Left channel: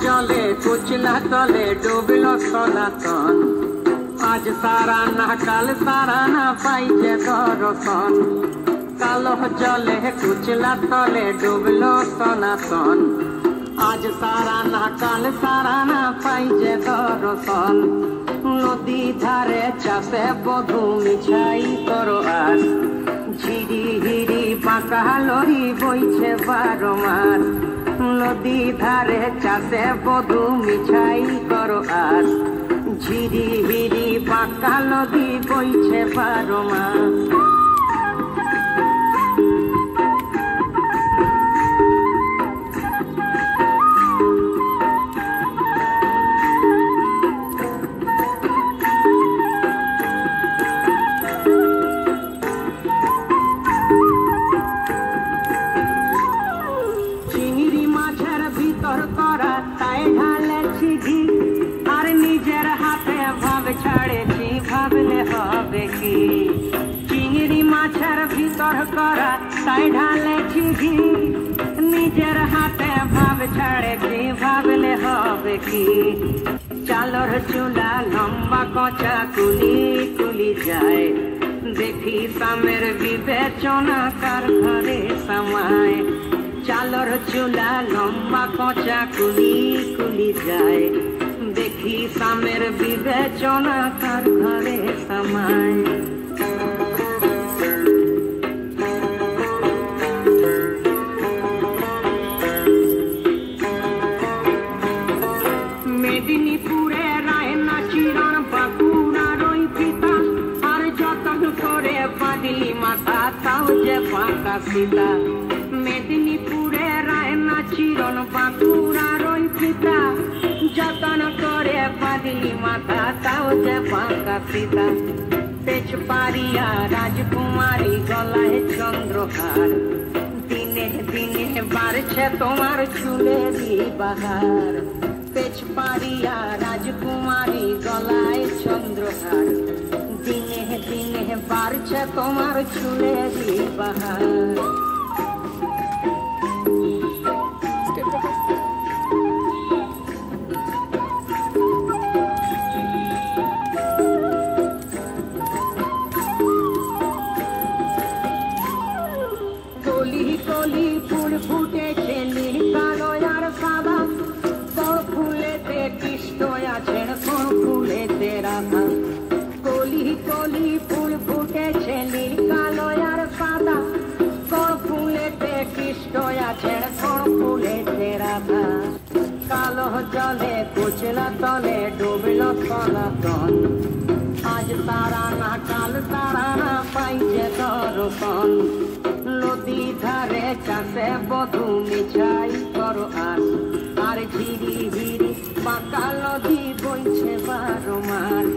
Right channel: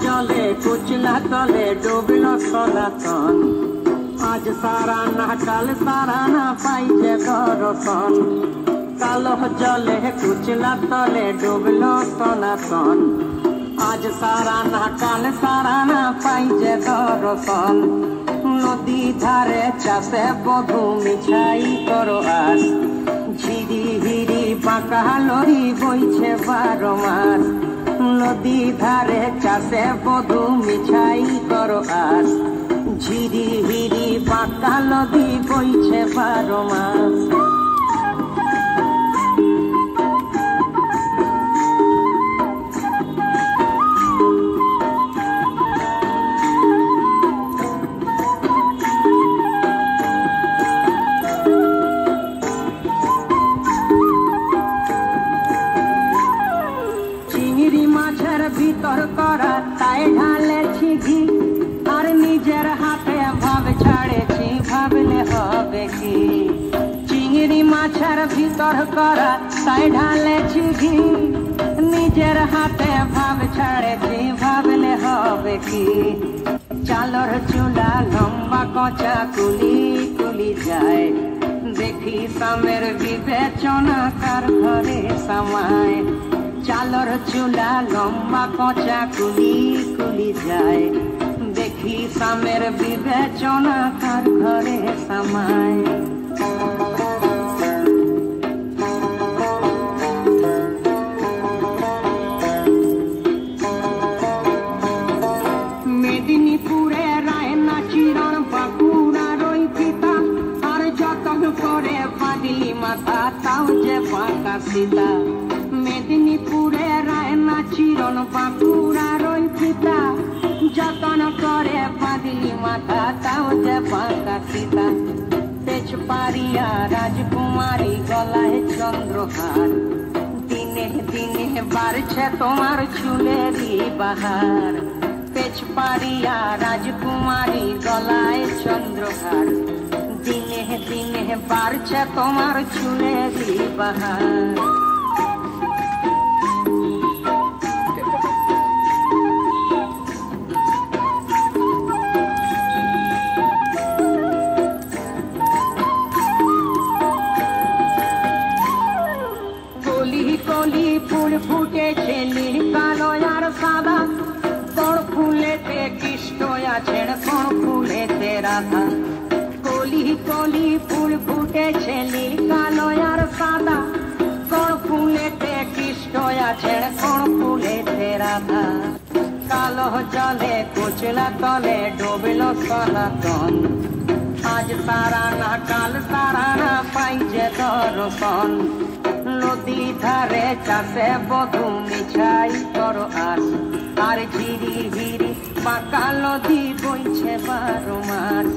जले कुचला तले डूबलो सनातन आज सारा ना काल सारा ना पाइजे दर्शन कालो जले कुचला तले डूबलो सनातन आज सारा ना काल सारा ना पाइजे दर्शन नदी धारे चाषे बधू मिछाई करो आस झिरी हिरी बाঁকা লরি বইছে 12 মাস नदी धारे चाषे बधू मिछाई करो आस झिरी हिरी बाँका नदी बইছে 12 মাস ভিতর করা তাই ঢালেছি ঘি আর নিজের হাতে ভাব ছাড়েছি ভাবলে হবে কি চিংড়ি মাছের ভিতর করা তাই ঢালেছি ঘি নিজের হাতে ভাব ছাড়েছি ভাবলে হবে কি চালর চুলা লম্বা কচা কুলি কুলি যায় দেখি সামের বিবেচনা কার ঘরে সামায় চালর চুলা লম্বা কচা কুলি কুলি যায় দেখি সামের বিবেচনা তার ঘরে সামায় মেদিনীপুরে রায়না চিরণ বাঁকুড়ার ওই পিতা আর যতন করে বাঁধলি মাথা তাও যে পাকা সীতা মেদিনীপুরে রায়না চিরণ বাঁকুড়ার ওই পিতা যতন করে বাঁধলি মাথা তাও যে পাকা সীতা পেছ পারিয়া রাজকুমারী গলায় চন্দ্রহার দিনে দিনে বাড়ছে তোমার চুলেরই বাহার পেছ পারিয়া রাজকুমারী গলায় চন্দ্রহার দিনে দিনে বাড়ছে তোমার চুলেরই বাহার কলি কলি ফুল ফুটেছে নীল কালো আর সাদা কোন ফুলেতে কৃষ্ণ আছেন কোন ফুলেতে রাধা কলি কলি ফুল ফুটেছে নীল কালো আর সাদা কোন ফুলেতে কৃষ্ণ আছেন কোন ফুলেতে রাধা কালো জলে কুচলা তলে ডুবলো সনাতন আজ সারা না কাল সারা না পাইছে দর্শন নদী ধারে চাষে বধু মিছাই করো আস আর ঝিরি হিরি বাঁকা নদী বইছে 12 মাস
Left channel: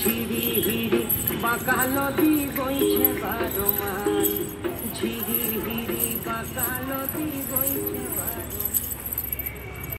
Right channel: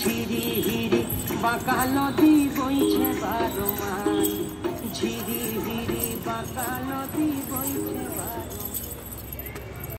ঝিরি হিরি বাঁকা নদী